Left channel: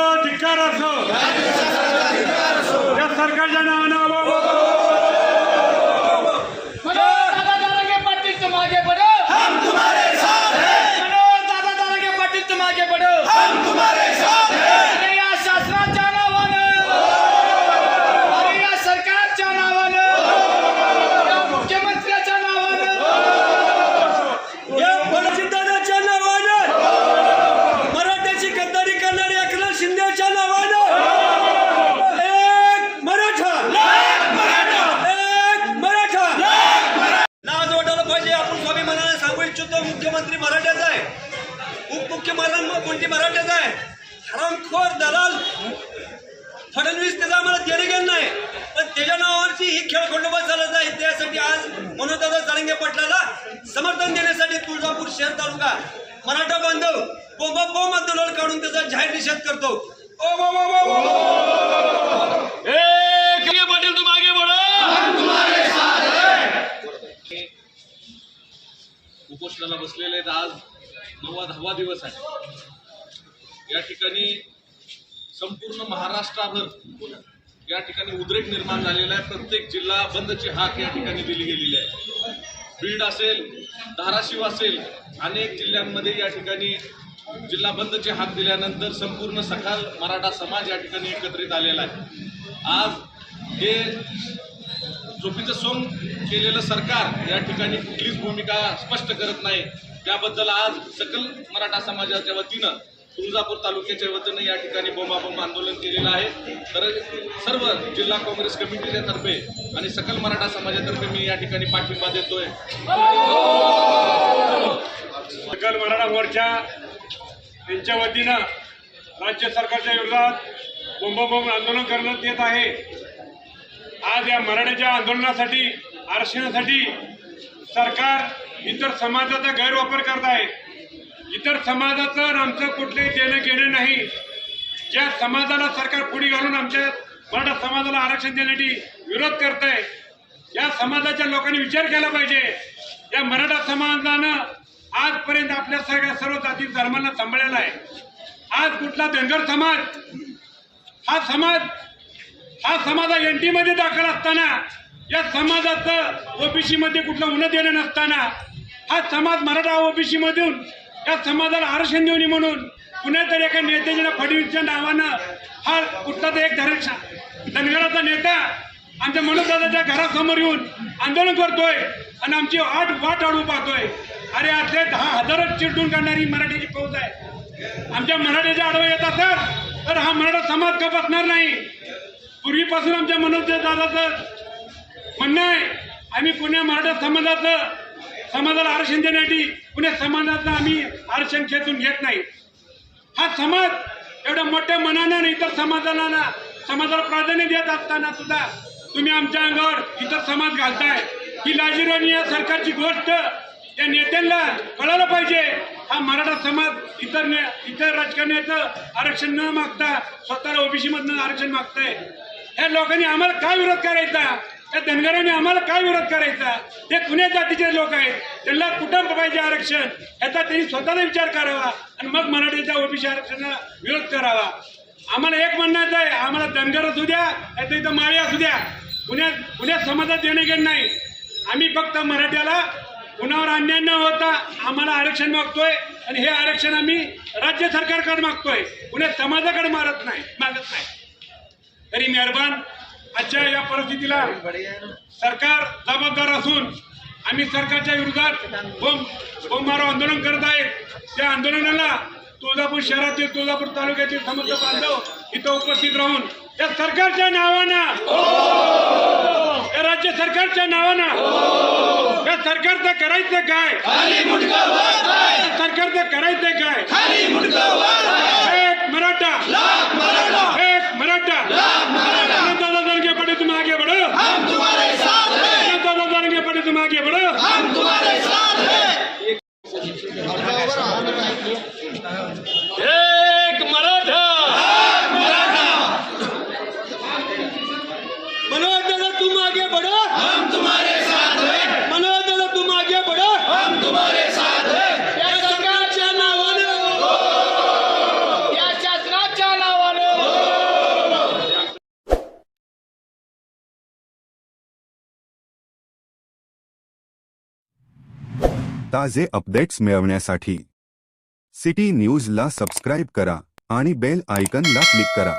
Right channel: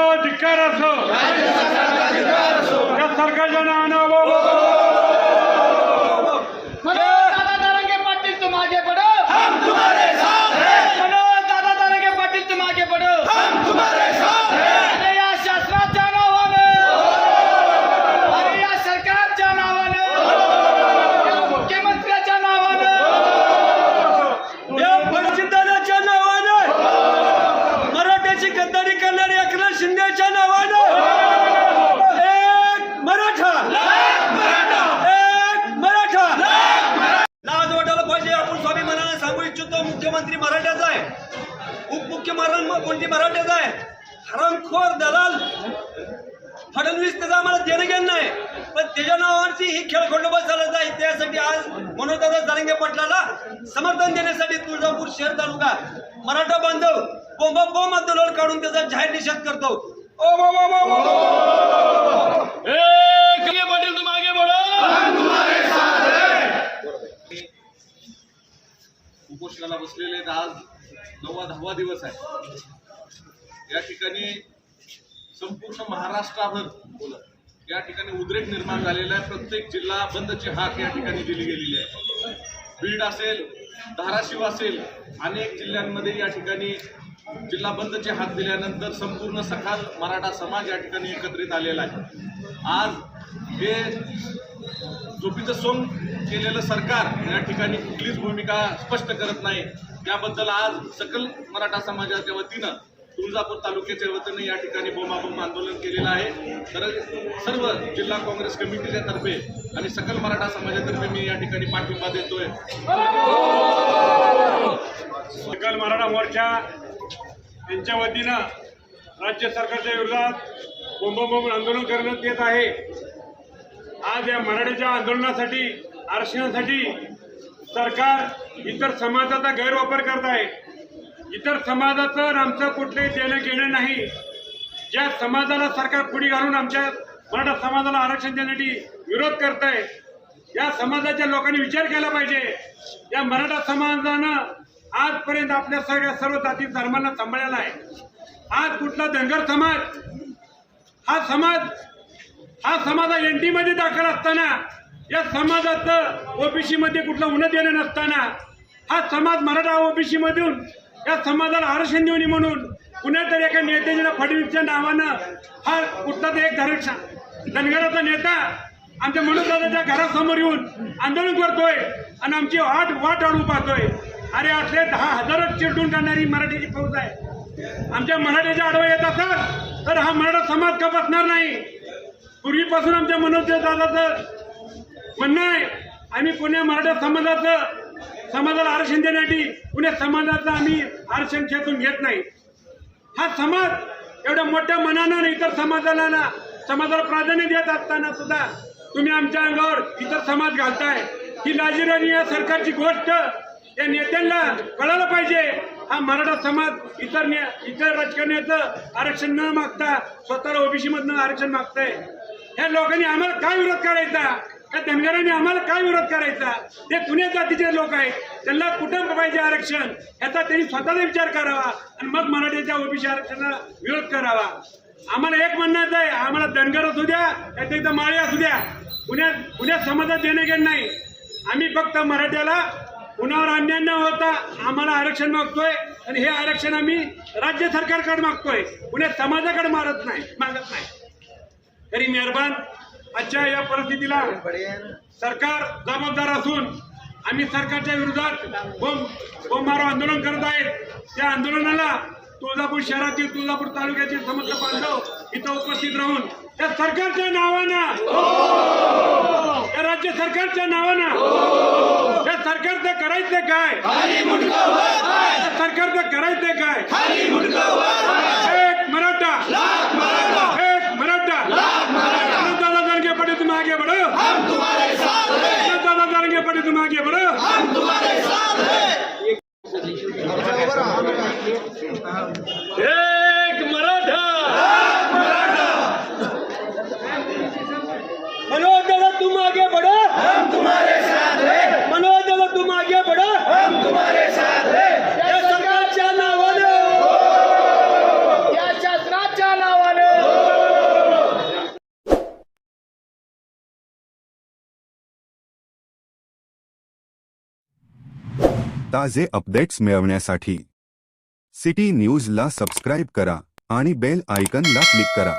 अधिकार असो. धिक्कार असो या सरकारच्या नावानं मनोज दादा दारांगे पाटील तुम आगे बढ़ो हम तुम्हारे साथ हैं मनोज दादा दारांगे पाटील तुम आगे बढ़ो हम तुम्हारे साथ हैं अरे या शासनाच्या नावानं अरे या सरकारच्या नावानं या मुख्यमंत्र्याच्या नावानं या फडचिदाराच्या नावानं मराठ्याची गद्दारी करणारी एकनाथ शिंदेच्या नावानं एक मराठा एक मराठा लाज वाटायला पाहिजे आपण स्वाभिमानाने सांगू इच्छितो मुख्यमंत्री मराठ्याचा आहे उपमुख्यमंत्री मराठ्याचा आहे हरामखोर दलाल फडणवीस त्याचा आम्हाला देणं घेणं नाही पण त्याच्या नावावरची ही खेळ खेळखंडोबा चालत आहे त्यासाठी आज मनोजदादा जारंगे पाटलाला समर्थन देण्यासाठी तुळजापूर शहर तालुका मराठा बांधव बोंबा बोंब आंदोलन काढून त्याचा जाहीर निषेध करतो ओ बो बो पाटील तुम उपोषणाला बसलेले आज नववा दहावा दिवस आहे या ठिकाणी संपूर्ण महाराष्ट्राभर या ठिकाणी उद्रेक निर्माण झालेला आहे. प्रत्येक जिल्हा बंदची हाक या ठिकाणी दिली गेलेली आहे. बीड असेल धाराशिव असेल अनेक जिल्ह्यांमध्ये या ठिकाणी जिल्हा बंदचे हाक दिल्यानंतर संपूर्ण सखाल मराठा समाज या ठिकाणी एकत्रित आलेला आहे. आज हे झोपीचं सोंग केलेलं सरकार या ठिकाणी कुठलीच भूमिका स्पष्ट करत नाही. त्याबद्दल आज सकल मराठा समाजाच्या वतीनं तुळजापूर तालुक्याच्या वतीनं या ठिकाणी बोंबाबोंब आंदोलन केलेलं आहे. तर सर्व जिल्हा काँग्रेस कमिटीच्या तर्फे आणि सकल मराठा समाजातर्फे मी या ठिकाणी पाठिंबा देतोय. सकल मराठा मोर्चा यांच्या वतीनं राज्य सरकारच्या विरोधात बोंबाबोंब आंदोलन करण्यात येत आहे. आज या मराठ्याच्या आंदोलनासाठी आरक्षणासाठी सरकार इतर समाजाचा गैरवापर करत आहे. इतर समाजाचं आमचं कुठलंही देणं घेणं नाही. ज्या समाजाला सरकार पुढे घालून आमच्या मराठा समाजाला आरक्षण देण्यासाठी विरोध करत आहे या समाजाच्या लोकांनी विचार केला पाहिजे. या मराठा समाजानं आजपर्यंत आपल्या सगळ्या सर्व जाती धर्मांना सांभाळलेला आहे. आज कुठला धनगर समाज हा समाज हा समाज एन टीमध्ये दाखल असताना या समाजाचं ओबीसी मध्ये कुठलं उन्नत देणं नसताना हा समाज मराठा ओबीसी मधून या समाजाला आरक्षण देऊन म्हणून. पुण्यात एका नेत्याच्या फडणवीसच्या नावानं हा कुठला तर एक धरक्षण धनगराचा नेता आमच्या मनोजदादाच्या घरासमोर येऊन आंदोलन करतोय आणि आमची आठ वाट अडू पाहतोय. अरे असले दहा हजारच चिरटून काढणारी मराठीची फौज आहे. आमच्या मराठीच्या आडवा येत असेल तर हा मराठा समाज का बसणार नाही? पूर्वीपासून आमच्या मनोजदादाचं म्हणणं आहे आम्ही पुणे मराठा समाजाचं समाजाला आरक्षण देण्यासाठी पुणे समाजाचं आम्ही आरक्षण खेचून घेत नाही. हा समाज एवढ्या मोठ्या मनानं इतर समाजाला ना समाजाला प्राधान्य देत असताना सुद्धा तुम्ही आमच्या अंगावर इतर समाज घालताय. ही लाजिरवाणी या सरकारची गोष्ट. या नेत्यांना कळायला पाहिजे. हा मराठा समाज इतर ने इतर राजकारण्याचं आरक्षण न मागता स्वतःला ओबीसीमधनं आरक्षण मागतंय. ह्या लोकांनी आम्हाला काय विरोध करायचा? त्या धनगरांनी आम्हाला काय विरोध करायचा? ते कुण्या जातीचे लोक आहेत? त्यांना कुठं पाहिजे आरक्षण? याचा त्यांनी स्वतःचा विचार करावा आणि मग मराठीच्या ओबीसी आरक्षणाला विरोध करावा. आम्हाला एक म्हणण्याचं आहे आम्हाला धनगर असू द्या नाही इथं माळी असू द्या. पुण्यात पुण्यात समाजात देणं घेणं नाही. आम्ही फक्त मराठ्याला कुणावर अन्याय न होता आम्हाला आरक्षण मागतोय आणि हे आरक्षण आम्ही राज्य सरकारकडे मागतोय. पुण्यात समाजाकडे मारत नाही मागत नाही. तरी मेहरबान आजच्या या परिस्थितीला सरकार जबाबदार असून आम्ही सरकारच्या विरोधात बोंब बोंबारो आंदोलन करत आहेत. त्या आंदोलनाला तुळजापूर शहरातील तुळजापूर तालुक्यातील समस्त बांधव इथं उपस्थित राहून या सरकारच्या नावानं या राज्य सरकारच्या नावानं या सरकारचं करायचं काय? सरकारचं करायचं काय? एक मराठा एक मराठा पडे तुम आगे बढ़ो ताजे अपडेट्स मिळवण्यासाठी. सिटी न्यूजला सबस्क्राईब करा आणि बेल आयकनला क्लिक करा.